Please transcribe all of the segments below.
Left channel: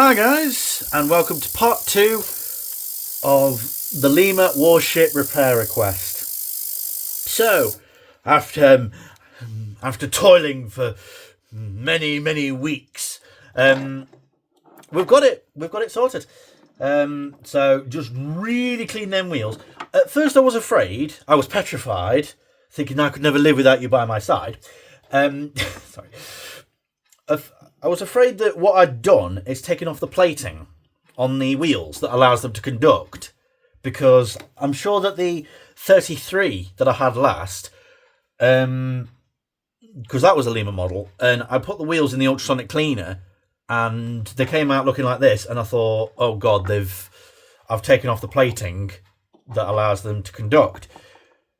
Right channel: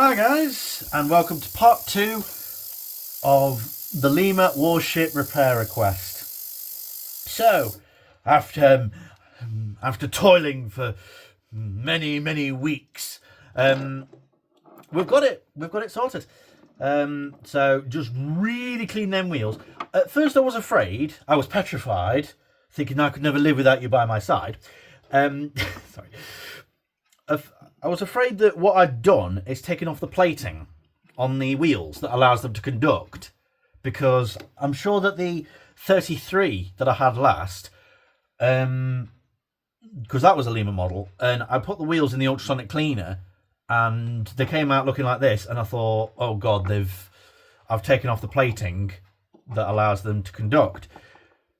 Hi guys, and welcome to part 2 of the Lima Warship repair request. So, after toiling for many weeks, we've got it sorted. So just really clean them wheels. At first I was afraid, I was petrified, thinking I could never live without you by my side. Sorry. I was afraid that what I'd done is taken off the plating on the wheels that allows them to conduct, because I'm sure that the 33 that I had last, because that was a Lima model, and I put the wheels in the ultrasonic cleaner and they came out looking like this, and I thought, oh god, I've taken off the plating that allows them to conduct.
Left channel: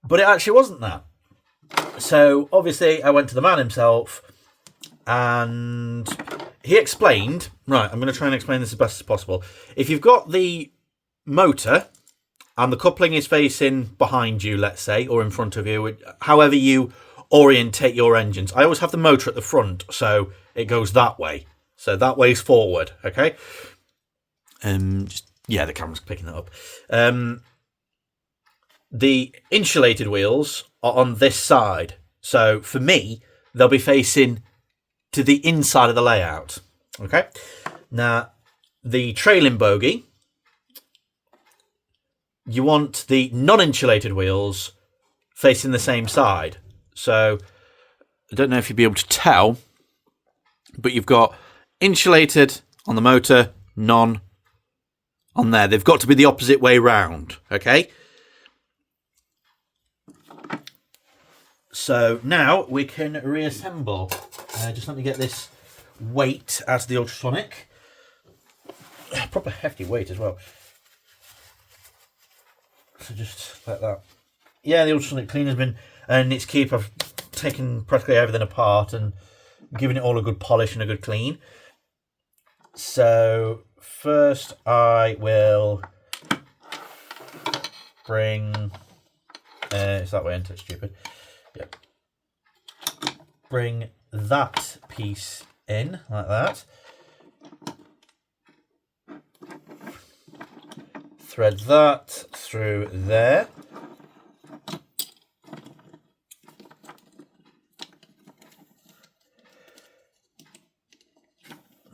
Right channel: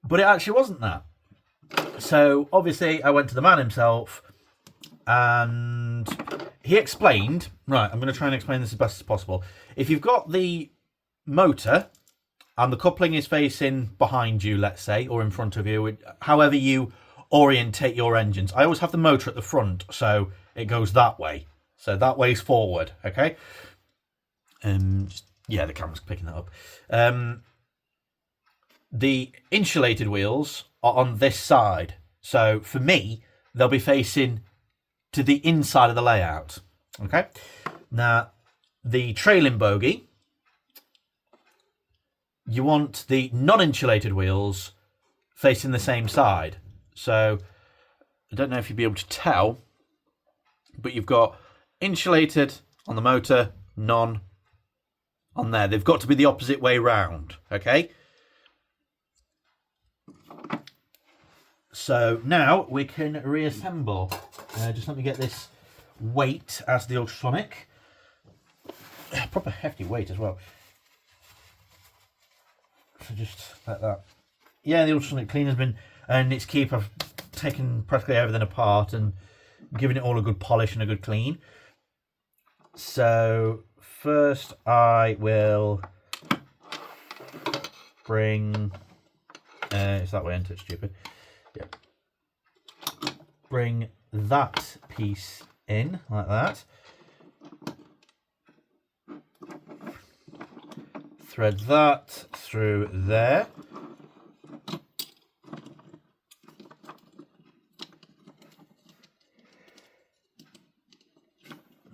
But it actually wasn't that. So obviously I went to the man himself, and he explained, right, I'm going to try and explain this as best as possible. If you've got the motor and the coupling is facing behind you, let's say, or in front of you, however you orientate your engines. I always have the motor at the front, so it goes that way. So that way's forward, okay? The camera's picking that up. The insulated wheels are on this side. So for me, they'll be facing to the inside of the layout. Okay. Now, the trailing bogie, you want the non-insulated wheels facing the same side. So I don't know if you'll be able to tell, but you've got insulated on the motor, non on there. They've got to be the opposite way round. Okay. So now we can reassemble. Just let me get this weight out of the ultrasonic. Proper hefty weight as well. So just like that. Yeah, the ultrasonic cleaner's been, and its keep, I've taken practically everything apart and given it all a good polish and a good clean. So first I will bring, it's that way, isn't it? Stupid. Yep. Bring that piece in like that. Thread that through there.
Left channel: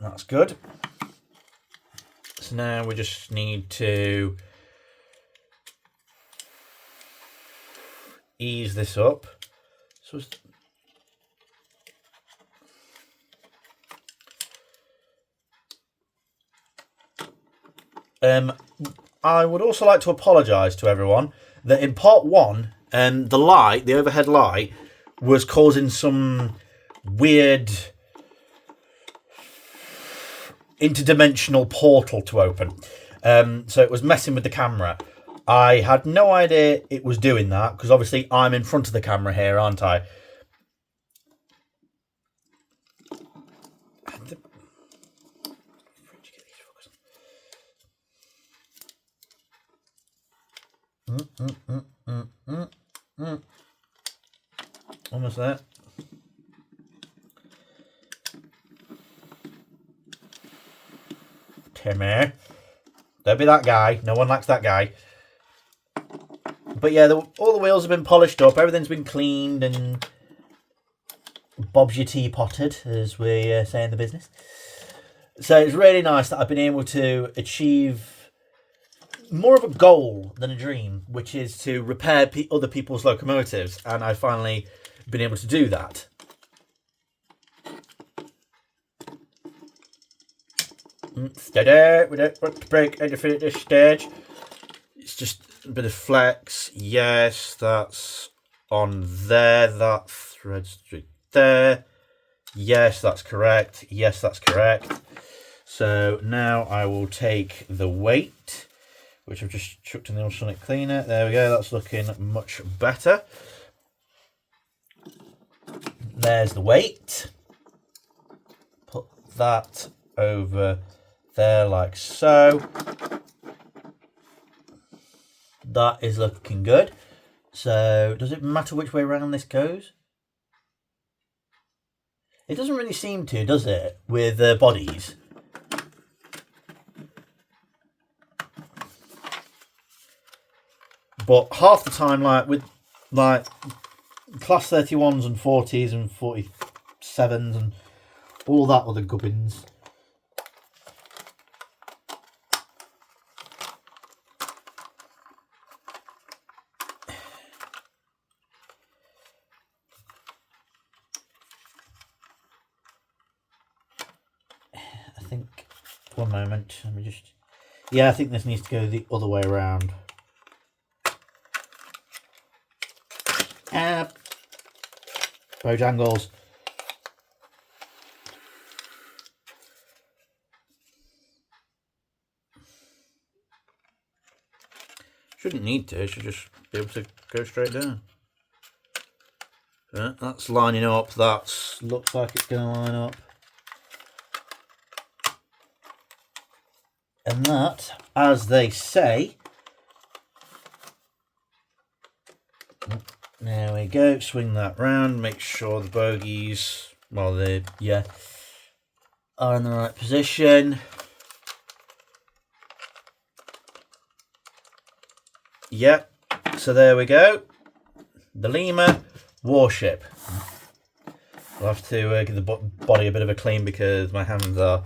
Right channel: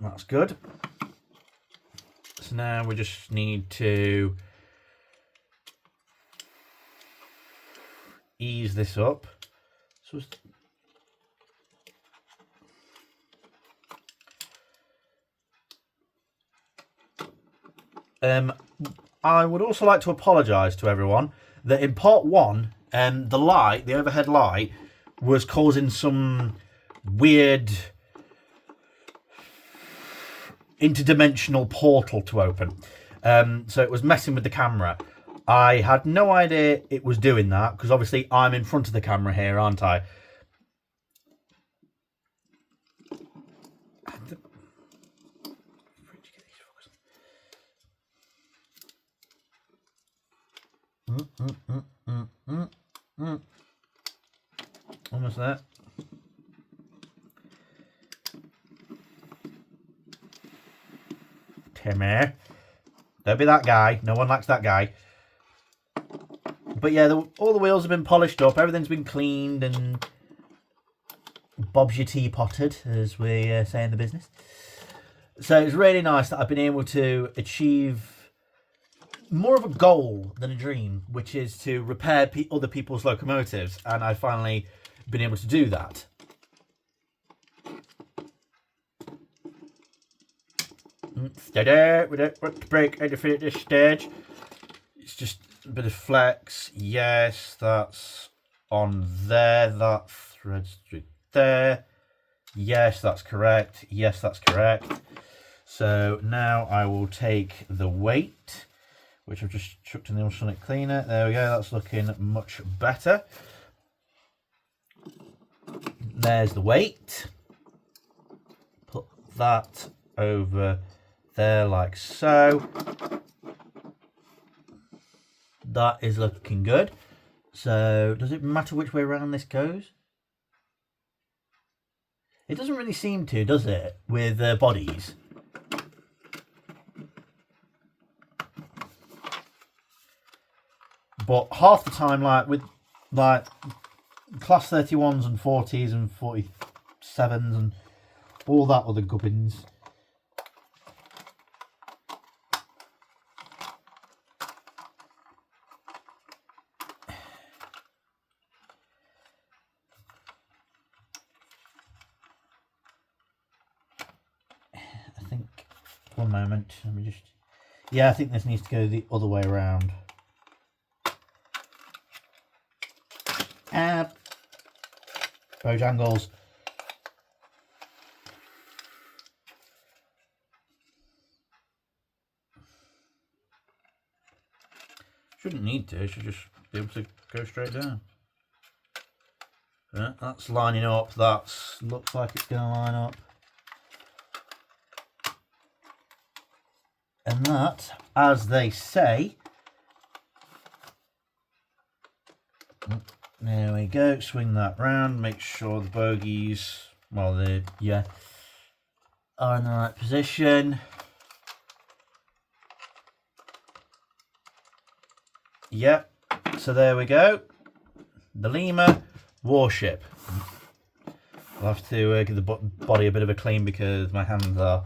That's good. So now we just need to ease this up. So I would also like to apologise to everyone that in part 1, the overhead light, was causing some weird interdimensional portal to open. So it was messing with the camera. I had no idea it was doing that, because obviously I'm in front of the camera here, aren't I? Almost there. Timmy. Don't be that guy. No one likes that guy. But yeah, all the wheels have been polished up. Everything's been cleaned and Bob's your teapotted, as we say in the business. So it's really nice that I've been able to achieve more of a goal than a dream, which is to repair other people's locomotives, and I've finally been able to do that. Steady, we don't want to break anything at this stage. It's just a bit of flex. Yes, that's on there. That threads through there. Yes, that's correct. Yes, that's correct. So now I will take the weight, which I've just chucked in the ultrasonic cleaner. There we go, that's looking much better. There's the weight. Put that over there like so. That is looking good. So does it matter which way around this goes? It doesn't really seem to, does it, with bodies? But half the time, like with like class 31s and 40s and 47s and all that other gubbins, I think, one moment, let me just, yeah, I think this needs to go the other way around. Bojangles. Shouldn't need to, it should just be able to go straight down. Yeah, that's lining up, that looks like it's going to line up. And that, as they say, there we go, swing that round, make sure the bogies, well, they, yeah, are in the right position. Yeah, so there we go, the Lima Warship. I'll have to give the body a bit of a clean because my hands are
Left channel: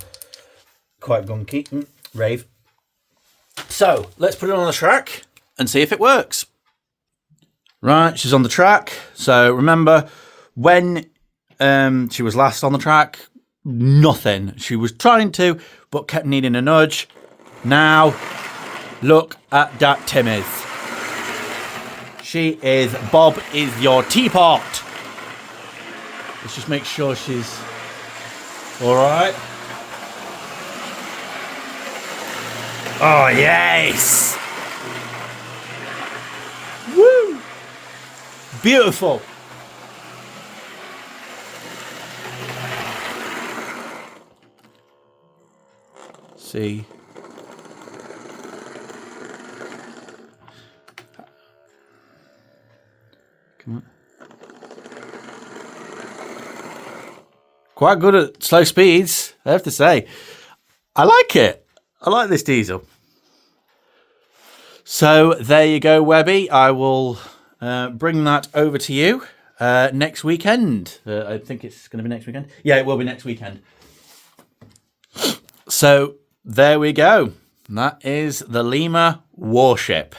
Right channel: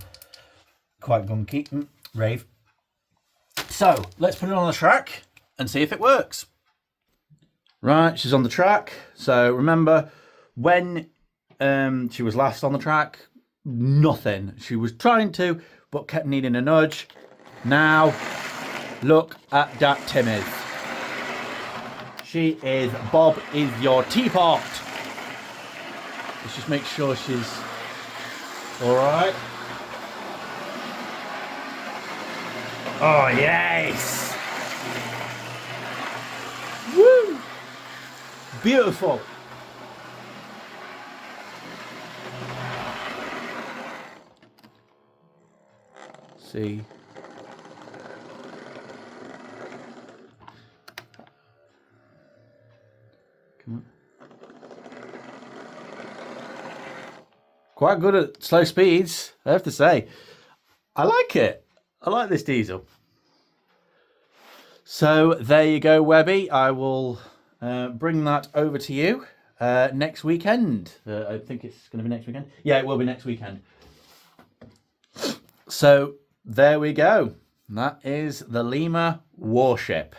quite gunky. Rave. So let's put it on the track and see if it works. Right, she's on the track. So remember when she was last on the track, nothing. She was trying to, but kept needing a nudge. Now, look at that Timmy. She is, Bob is your teapot. Let's just make sure she's all right. Oh, yes. Woo. Beautiful. See. Come on. Quite good at slow speeds, I have to say. I like it. I like this diesel. So there you go, Webby. I will bring that over to you next weekend. I think it's going to be next weekend. Yeah, it will be next weekend. So there we go. That is the Lima Warship.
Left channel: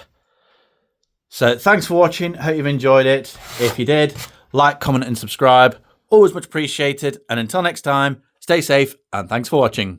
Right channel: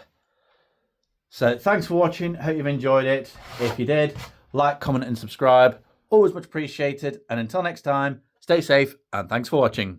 So thanks for watching. Hope you've enjoyed it. If you did, like, comment and subscribe. Always much appreciated. And until next time, stay safe and thanks for watching.